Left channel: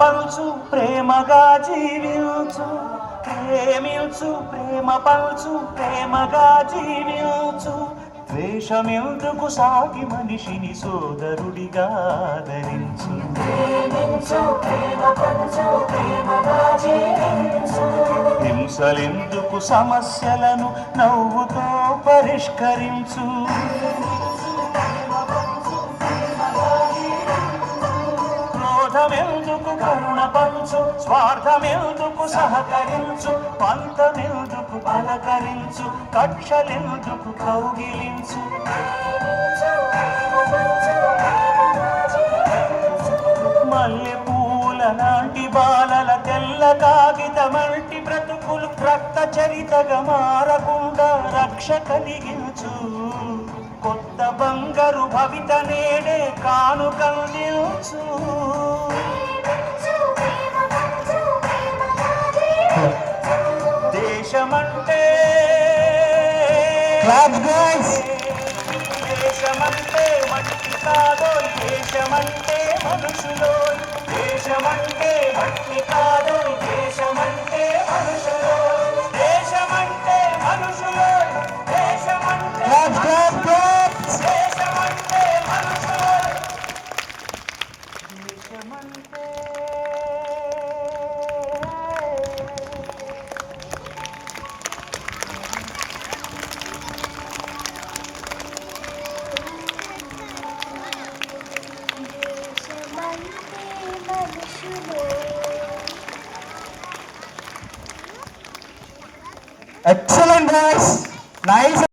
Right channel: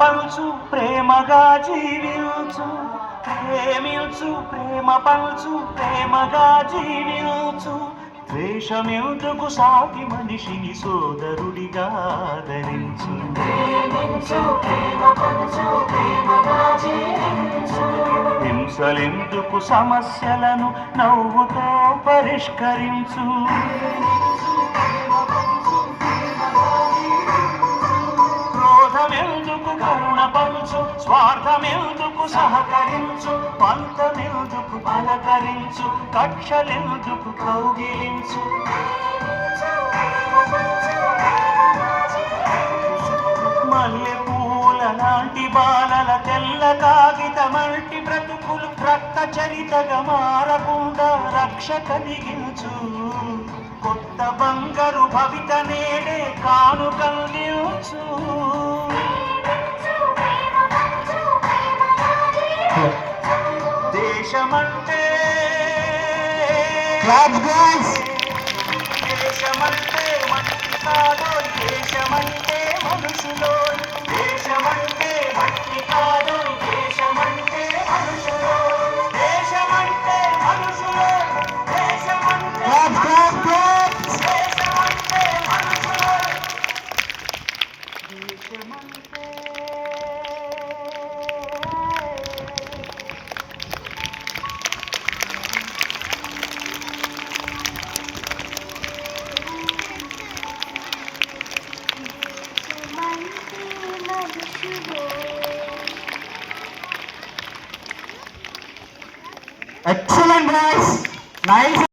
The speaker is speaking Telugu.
పంచు ప్రేమగా జీవించు, ప్రేమించు ప్రేమ పంచు ప్రేమగా జీవించు. ద్వేషమెందుకు సాటి మనిషిని సోదరుడిగా ఆదరించు. హింసలెందుకు సమస్యలను నవ్వుతో పరిష్కరించు. క్రోధమెందుకు కరుణ పంచు, స్వార్థమెందుకు సహకరించు. పంతమెందుకు పలకరించు, కక్షలెందుకు కౌగిలించు. మల్లె పూల నాంటి బాలల తెల్ల కాగితమంటి బ్రతుకులు ప్రక్క చరితగా మారకుండా రక్ష కలిగించు. కొత్త బంగారు భవిత నేడే కానుకందించు. దేశమంటే దేశమంటే మట్టి కాదో, దేశమంటే మనుషులో. దేశమంటే మట్టి కాదో, దేశమంటే మనుషులో. దేశమంటే మనుషులో, దేశమంటే దేశమంటే మనుషులో. దేశమంటే Excellent guys, nice.